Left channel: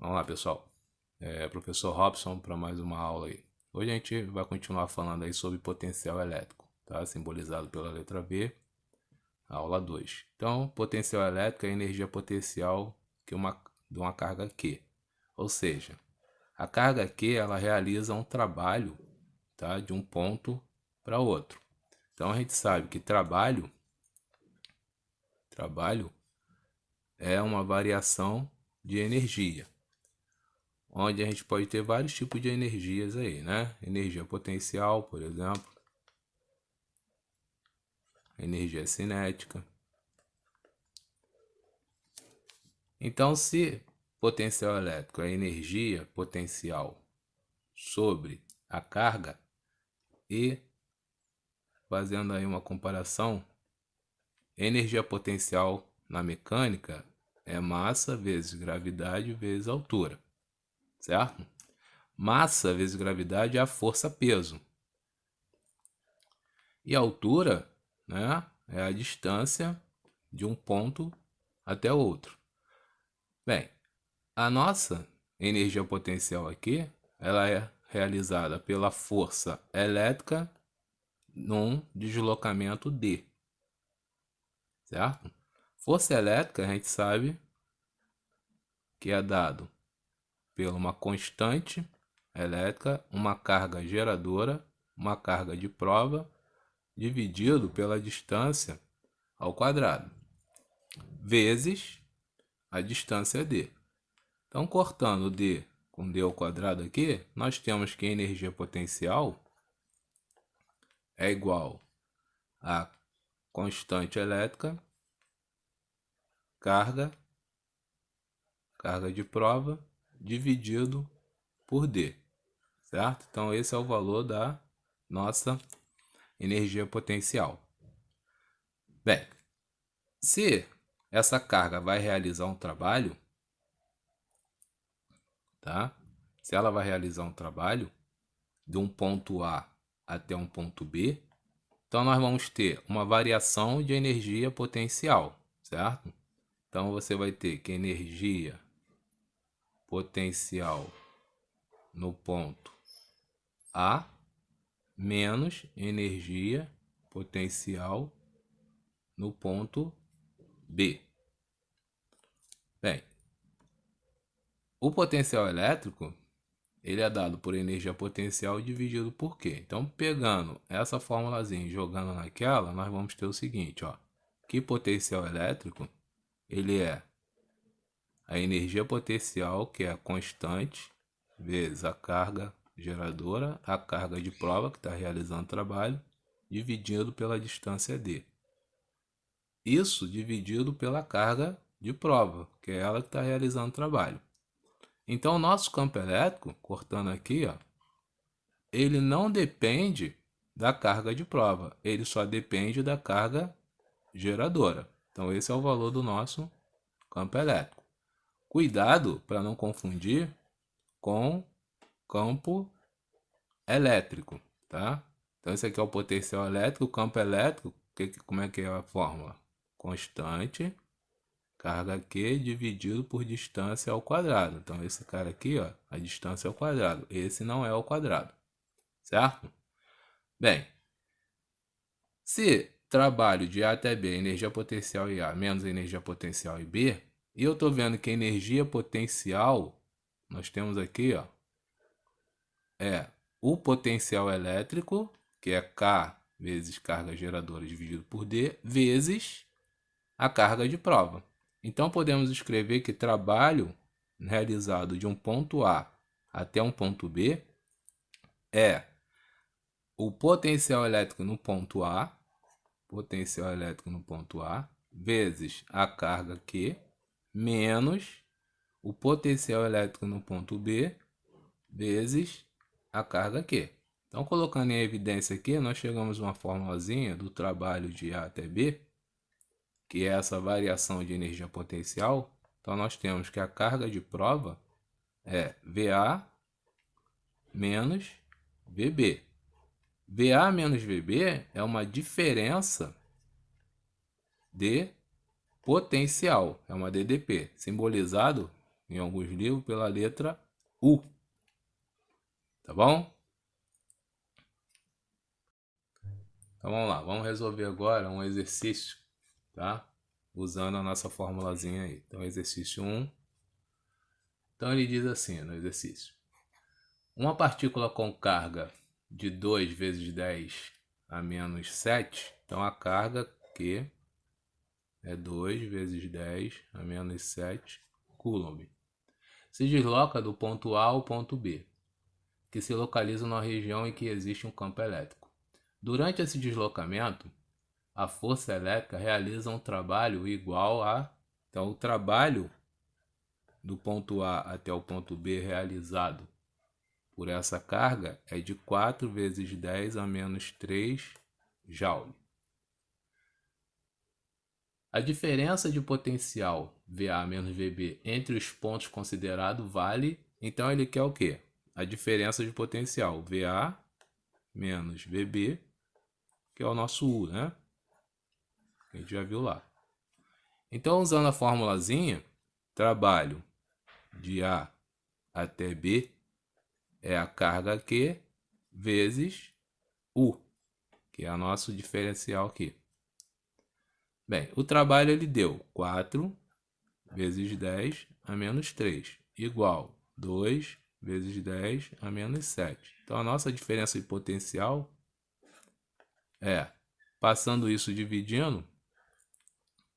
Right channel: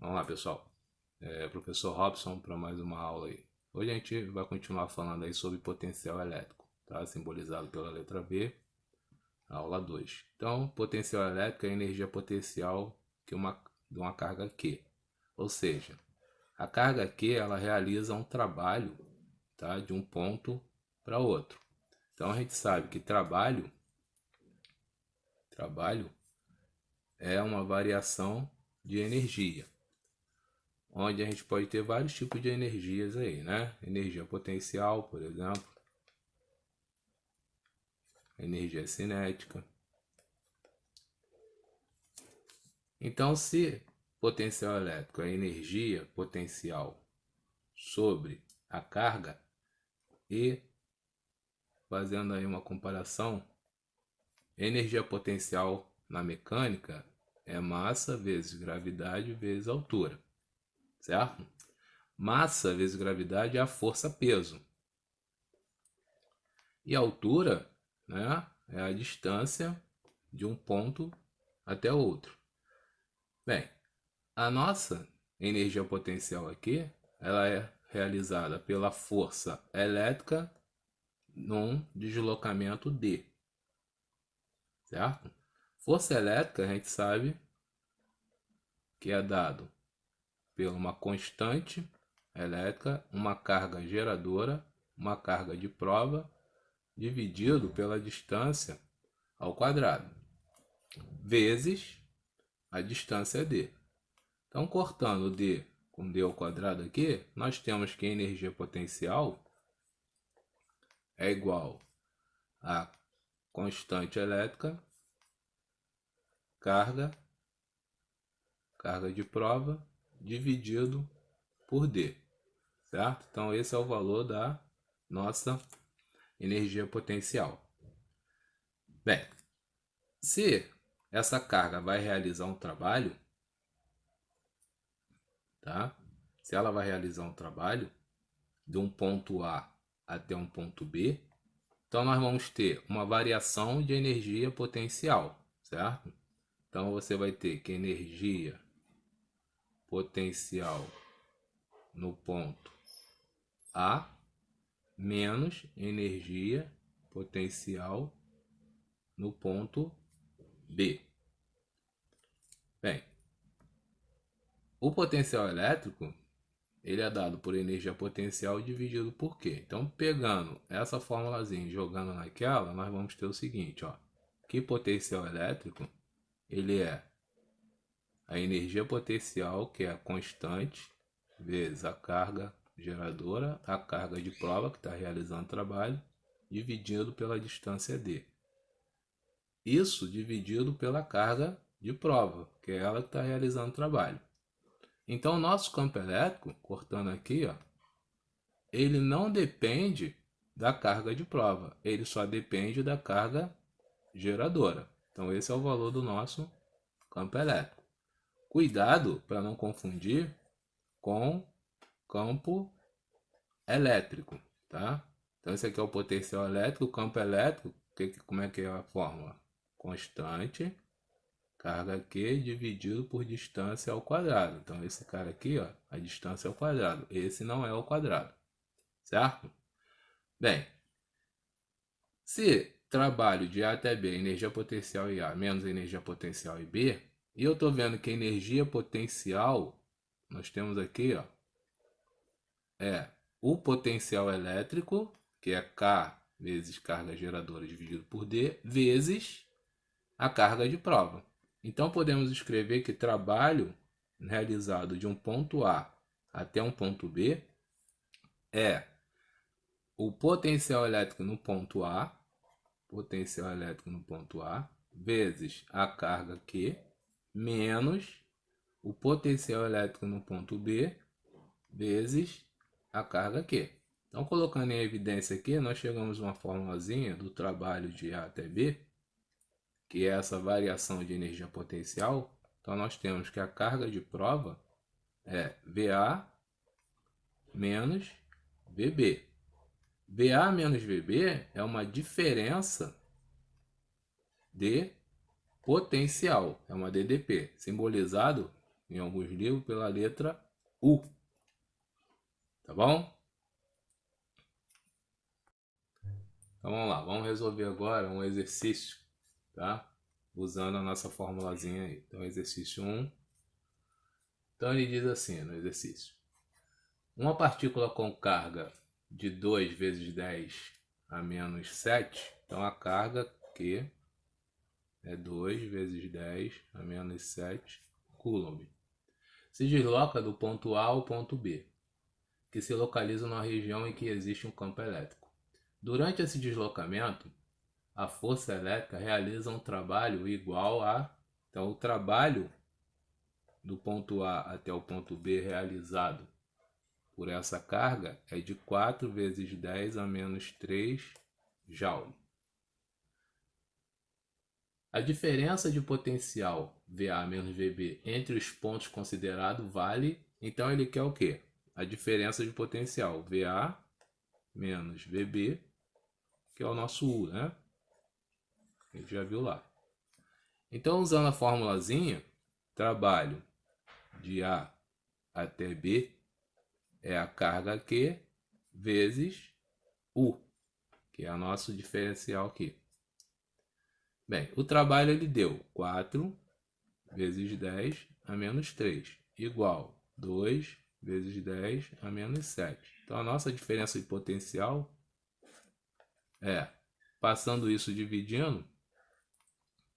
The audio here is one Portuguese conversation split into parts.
Vamos lá, pessoal. Professor Robson para mais uma aula aí. Hoje a gente vai continuar falando aí sobre potencial elétrico, tá? Simbolizado pela letra B, aula 2. Então, potencial elétrico é a energia potencial de uma carga Q. Ou seja, a carga Q ela realiza um trabalho, tá? De um ponto para outro. Então a gente sabe que trabalho é uma variação de energia, onde a gente pode ter vários tipos de energias aí, né? Energia potencial, por exemplo, energia cinética. Então, se potencial elétrico é energia potencial sobre a carga, e fazendo aí uma comparação, energia potencial na mecânica é massa vezes gravidade vezes altura, certo? Massa vezes gravidade é a força-peso. E a altura, né, é a distância de um ponto até outro. Bem, a nossa energia potencial aqui, ela é realizada pela força elétrica num deslocamento D, certo? Força elétrica a gente sabe que é dado por uma constante elétrica, uma carga geradora, uma carga de prova, dividido pela distância ao quadrado, vezes a distância D. Então, cortando D com D ao quadrado aqui, nós temos que a energia potencial é igual a constante elétrica, carga de prova, dividido por D, certo? Então, esse é o valor da nossa energia potencial. Bem, se essa carga vai realizar um trabalho, tá? Se ela vai realizar um trabalho de um ponto A até um ponto B, então nós vamos ter uma variação de energia potencial, certo? Então você vai ter que energia potencial no ponto A menos energia potencial no ponto B. Bem, o potencial elétrico ele é dado por energia potencial dividido por Q. Então, pegando essa formulazinha e jogando naquela, nós vamos ter o seguinte, ó, que potencial elétrico ele é a energia potencial, que é a constante, vezes a carga geradora, a carga de prova, que está realizando o trabalho, dividido pela distância D. Isso dividido pela carga de prova, que é ela que está realizando o trabalho. Então, o nosso campo elétrico, cortando aqui, ó, ele não depende da carga de prova, ele só depende da carga geradora. Então, esse é o valor do nosso campo elétrico. Cuidado para não confundir com campo elétrico, tá? Então, esse aqui é o potencial elétrico, o campo elétrico, como é que é a fórmula? Constante, carga Q dividido por distância ao quadrado. Então, esse cara aqui, ó, a distância ao quadrado. Esse não é ao quadrado, certo? Bem, se trabalho de A até B, energia potencial em A menos energia potencial em B, e eu estou vendo que a energia potencial, nós temos aqui, ó, é o potencial elétrico, que é K vezes carga geradora dividido por D, vezes a carga de prova. Então, podemos escrever que trabalho realizado de um ponto A até um ponto B é o potencial elétrico no ponto A, vezes a carga Q, menos o potencial elétrico no ponto B, vezes a carga Q. Então, colocando em evidência aqui, nós chegamos a uma formulazinha do trabalho de A até B, que é essa variação de energia potencial. Então, nós temos que a carga de prova é VA menos VB. VA menos VB é uma diferença de potencial, é uma DDP, simbolizado em alguns livros pela letra U. Tá bom? Então vamos lá, vamos resolver agora um exercício, tá? Usando a nossa formulazinha aí. Então, exercício 1. Então ele diz assim no exercício: uma partícula com carga de 2 vezes 10 a menos 7, então a carga Q é 2 vezes 10 a menos 7 coulomb, se desloca do ponto A ao ponto B, que se localiza na região em que existe um campo elétrico. Durante esse deslocamento, a força elétrica realiza um trabalho igual a... Então, o trabalho do ponto A até o ponto B realizado por essa carga é de 4 vezes 10 a menos 3 joule. A diferença de potencial VA menos VB entre os pontos considerados vale... Então, ele quer o quê? A diferença de potencial VA menos VB, que é o nosso U, né? A gente já viu lá. Então, usando a formulazinha, trabalho de A até B é a carga Q vezes U, que é o nosso diferencial aqui. Bem, o trabalho ele deu 4 vezes 10 a menos 3, igual 2 vezes 10 a menos 7. Então, a nossa diferença de potencial é, passando isso dividindo,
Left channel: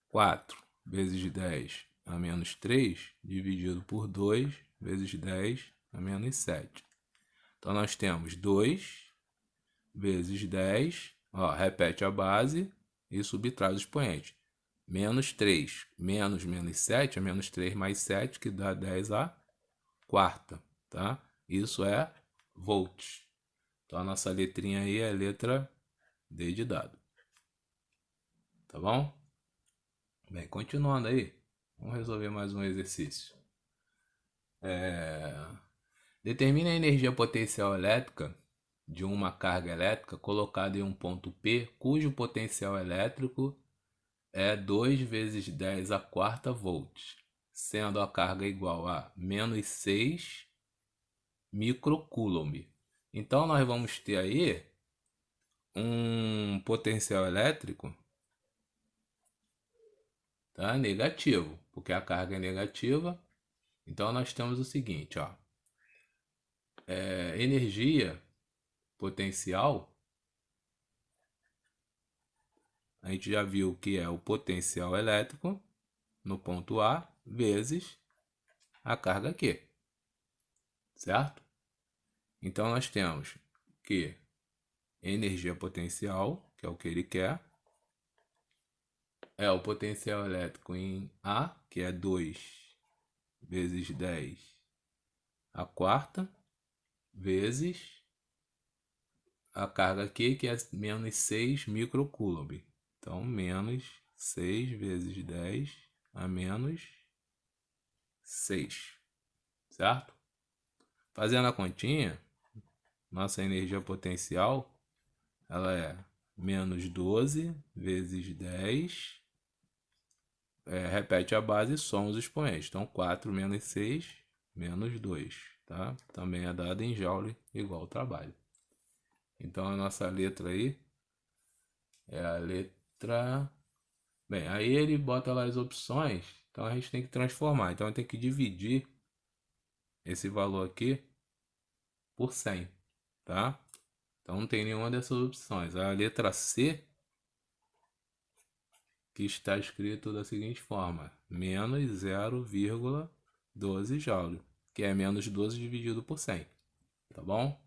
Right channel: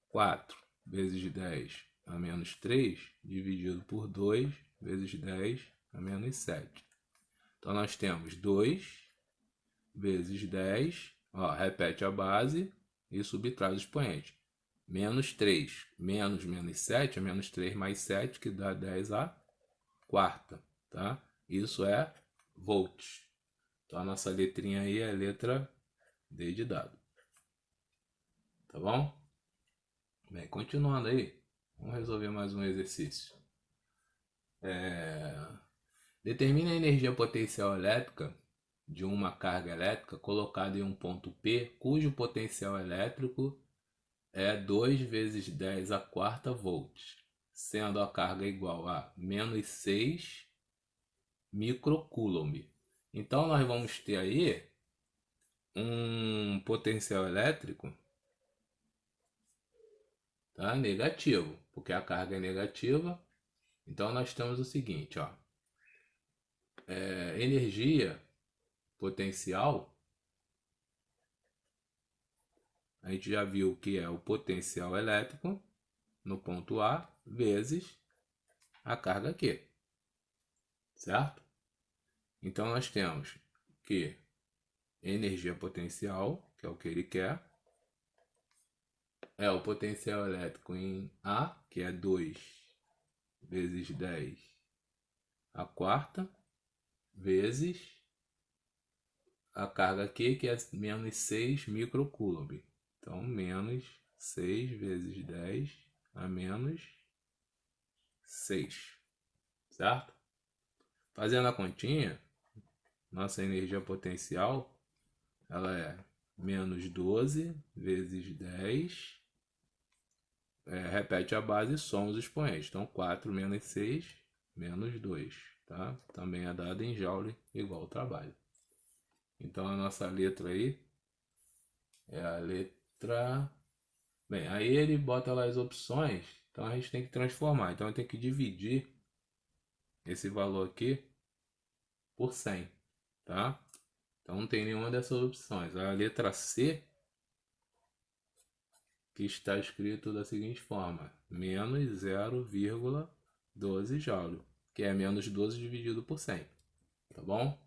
4 vezes 10 a menos 3 dividido por 2 vezes 10 a menos 7. Então, nós temos 2 vezes 10, ó, repete a base e subtrai o expoente. Menos 3 menos menos 7 é menos 3 mais 7, que dá 10 a quarta, tá? Isso é volts. Então, a nossa letrinha aí é a letra D de dado. Tá bom? Bem, continuando aí, vamos resolver mais um exercício. Determine a energia potencial elétrica de uma carga elétrica colocada em um ponto P, cujo potencial elétrico é 2 vezes 10 a quarta volts, sendo a carga igual a menos 6 microcoulomb. Então, nós vamos ter aí um potencial elétrico, tá, negativo, porque a carga é negativa. Então, nós temos o seguinte, ó, energia potencial, a gente já viu que é o potencial elétrico no ponto A vezes a carga Q, certo? Então, nós temos que energia potencial, que é o que ele quer, é o potencial elétrico em A, que é 2 vezes 10 a quarta, vezes a carga Q, que é menos 6 microcoulomb. Então, menos 6 vezes 10 a menos 6, certo? Fazendo a continha, nossa energia potencial ela é menos 12 vezes 10, repete a base e soma os expoentes. Então, 4 menos 6, menos 2, tá? Também é dado em joule igual ao trabalho. Então, a nossa letra aí é a letra... Bem, aí ele bota lá as opções, então a gente tem que transformar. Então, tem que dividir esse valor aqui por 100, tá? Então, não tem nenhuma dessas opções. A letra C, que está escrito da seguinte forma: menos 0,12 joule, que é menos 12 dividido por 100, tá bom?